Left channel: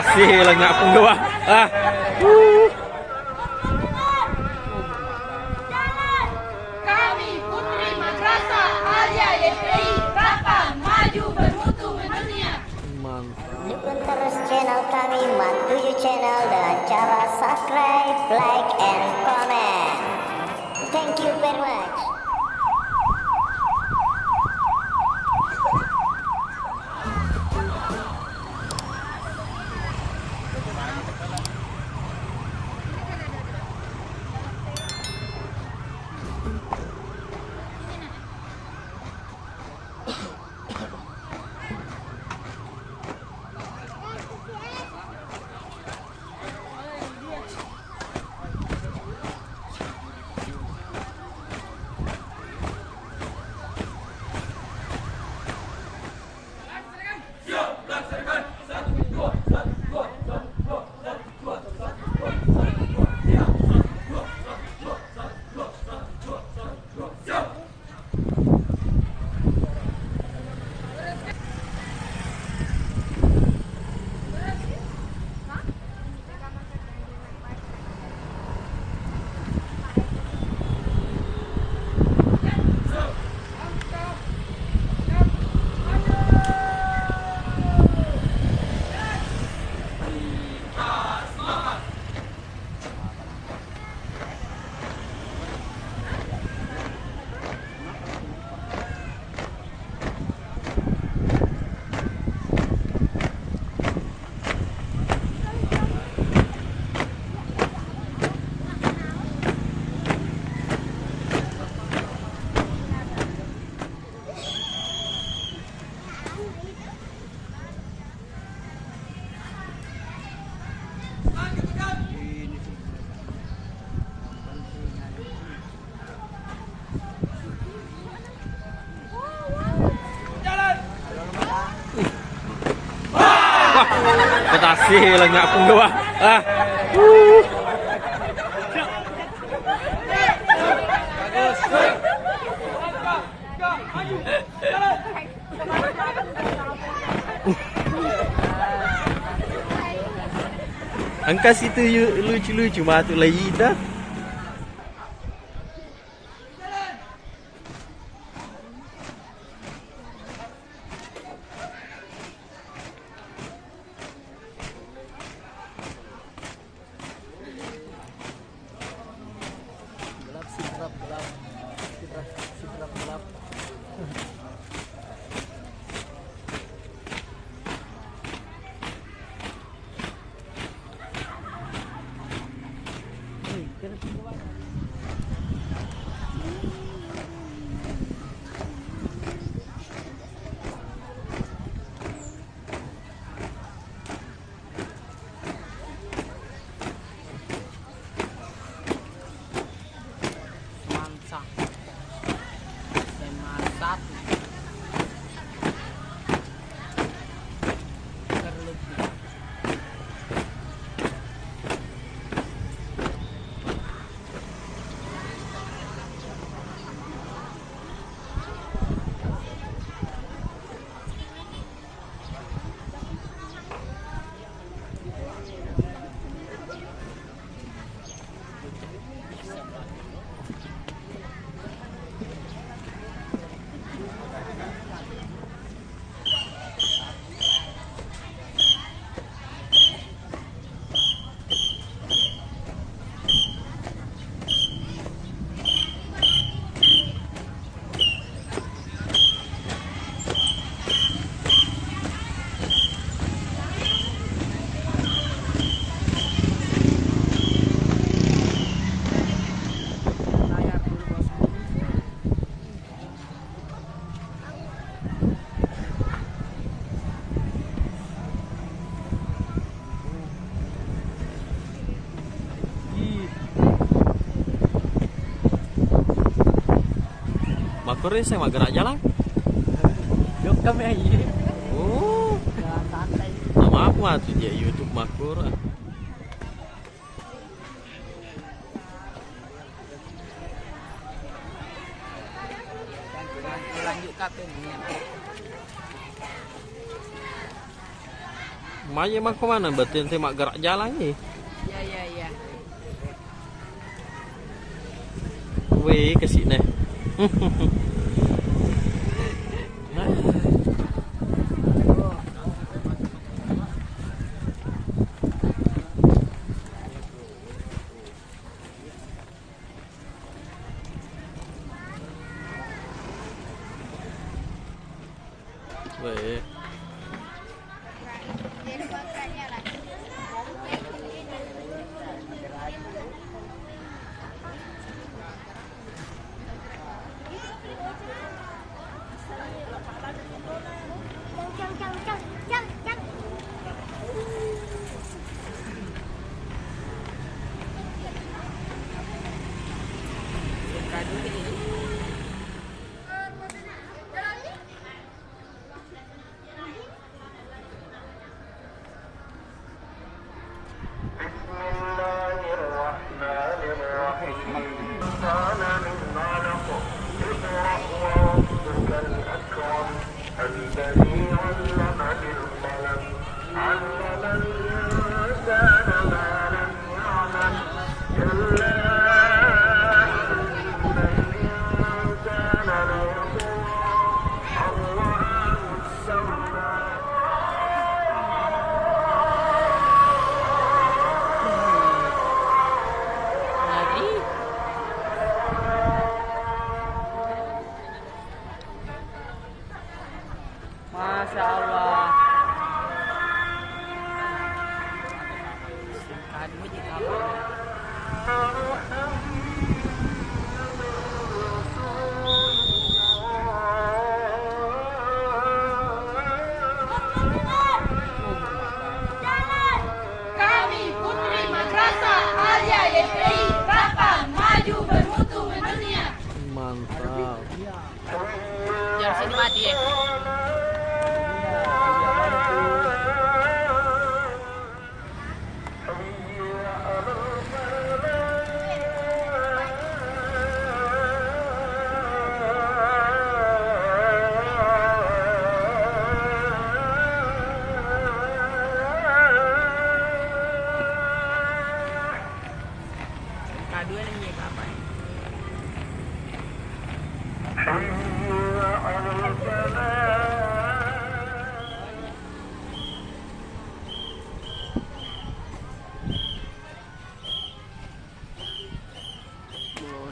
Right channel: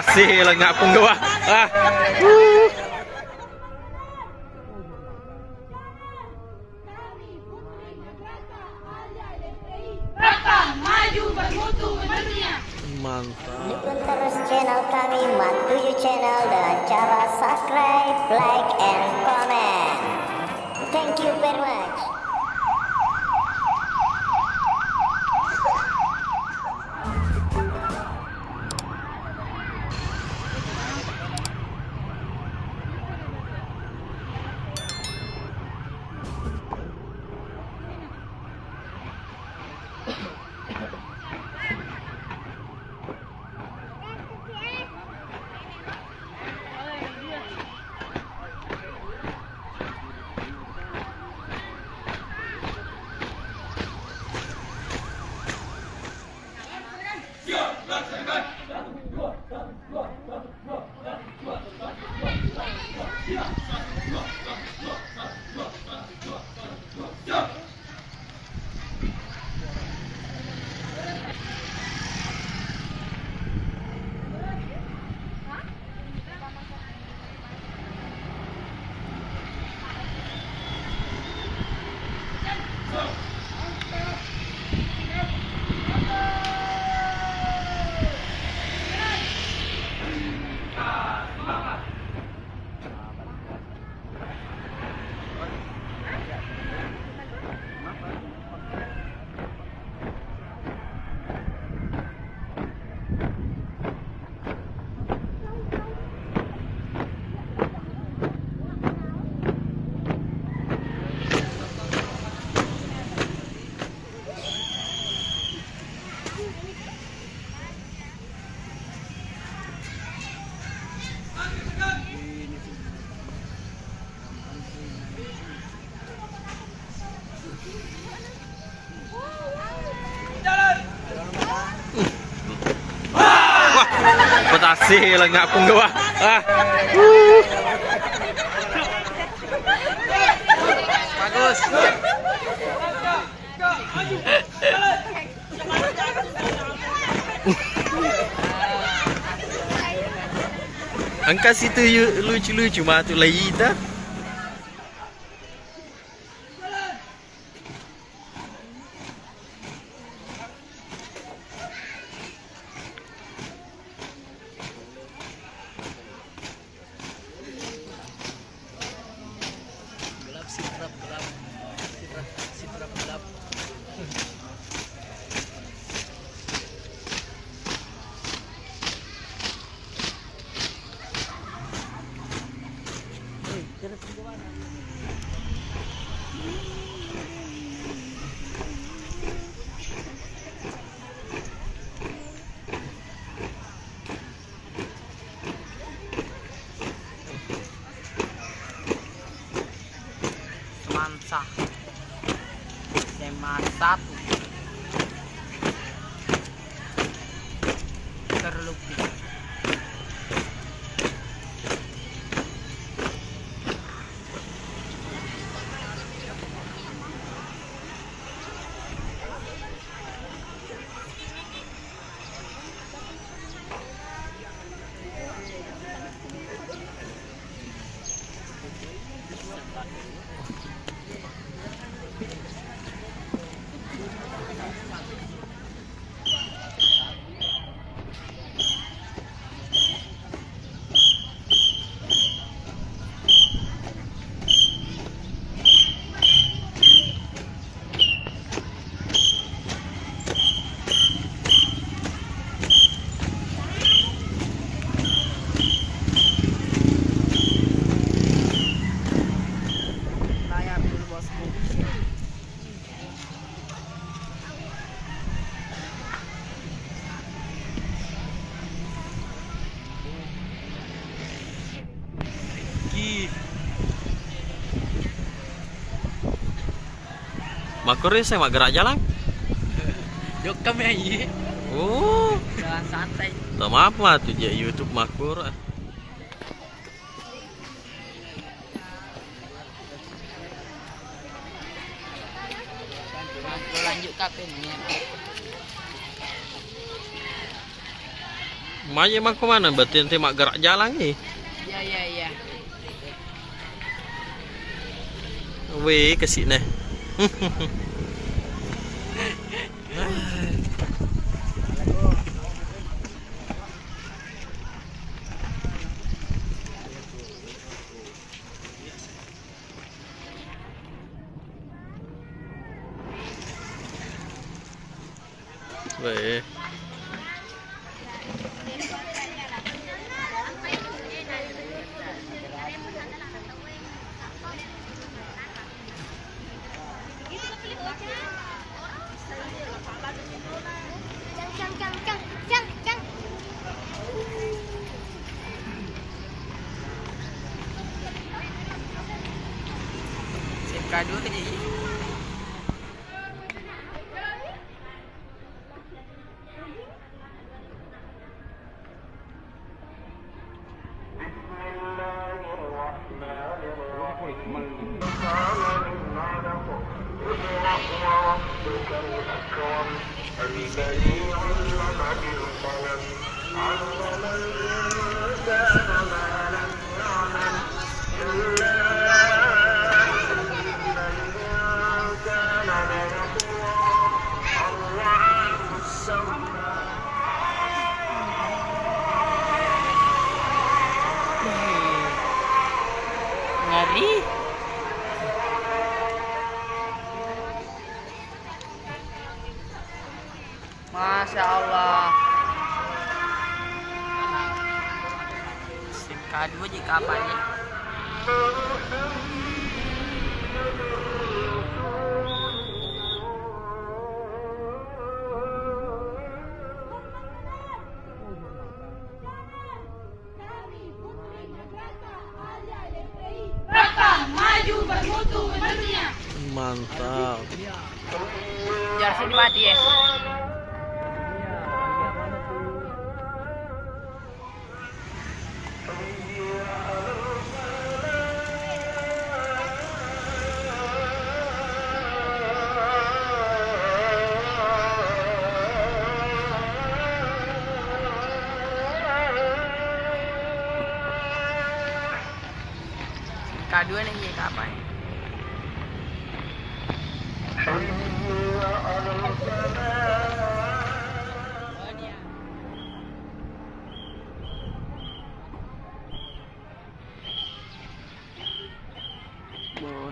Betasi lengak pung doa. Kami Putri Madrasah Alia YPI Rakam maju bermutu mendunia. Mantap. Dukung terus channel kami Mat7 Channel dengan cara subscribe, like, and comment. Thank you very much. Betasi lengak pung doa. Bagus. Angka situ lucu-lucu matu lagi dah. Gelap sitrap gelap. Sitrap gelap. Semansa. Semansa. Terlupi. Makurnya saya mak gerak jalan. Yuk kami aja. Oh, Jalan santai. maaf mah tuh dia YouTube Makur. Lanjut tapi ini. Maya emang ke mana? Berarti nanti mak gerak jalan ni. Ya. Weh, ke sini. Weh. SMK dulu ni. الذي علم بالقلم علم الإنسان ما لم يعلم إلا إن الإنسان ليطغى أن رآه استغنى Ngeri. Masya Allah. SMK 2 je kapan ni? Kami Putri Madrasah Alia YPI Rakam maju bermutu mendunia. Mantap. Jangan hormat dia. SMK 2 ni je kapan?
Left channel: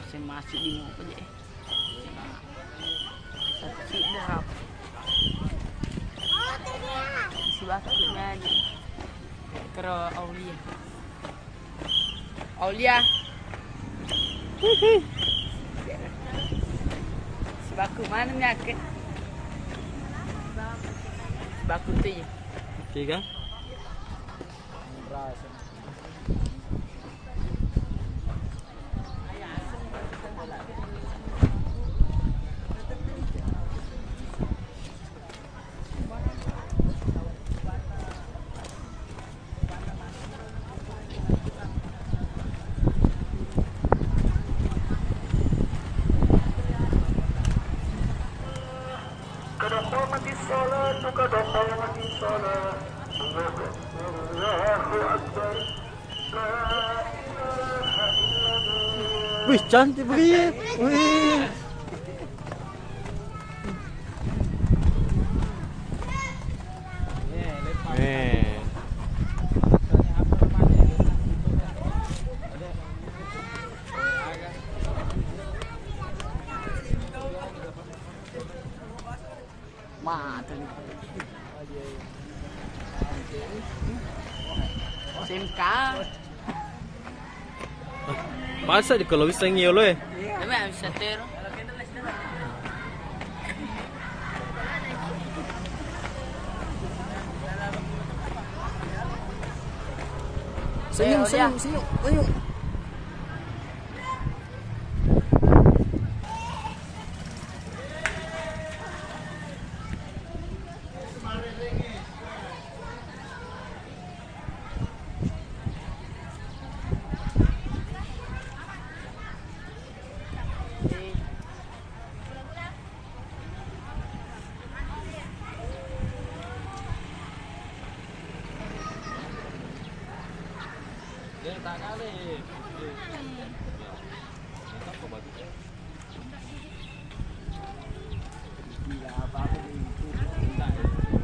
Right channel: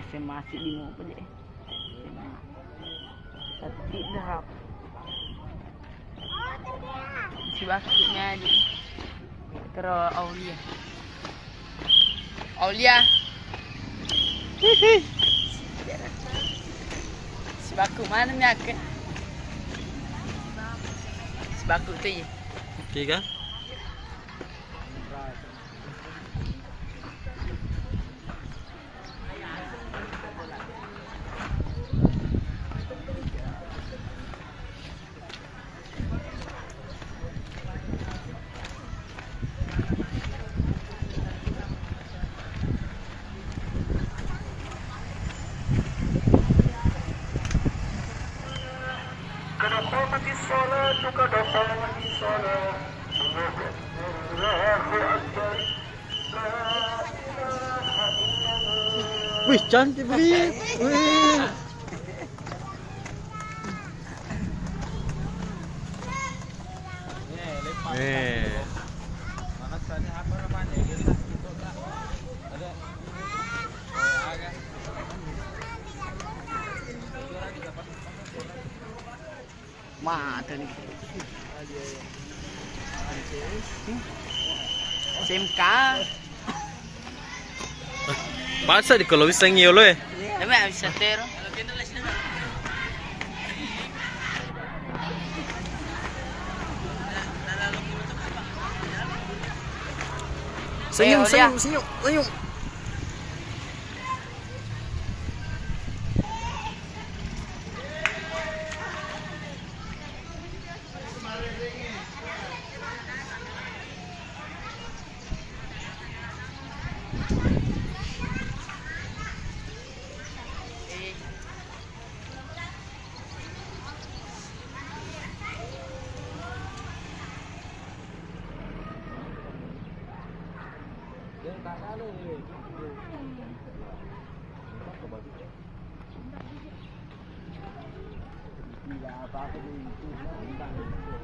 Saya masih bingung apa je. Tapi berapa? Si bakutnya ni. Terus Aulia. Aulia. Si bakut mana ni akak? Si bakut tu je. Okey kan? قد قامت الصلاة قد قامت الصلاة الله أكبر لا إله إلا الله Wih, cantik beli. Wih. Mata ni. SMK. Masa di kalau bisa ngio lo Nama bisa ter. Senyum, Olia. senyum, senyum, senyum. tak kali. Tak kau bagi. Gila apa-apa dia itu.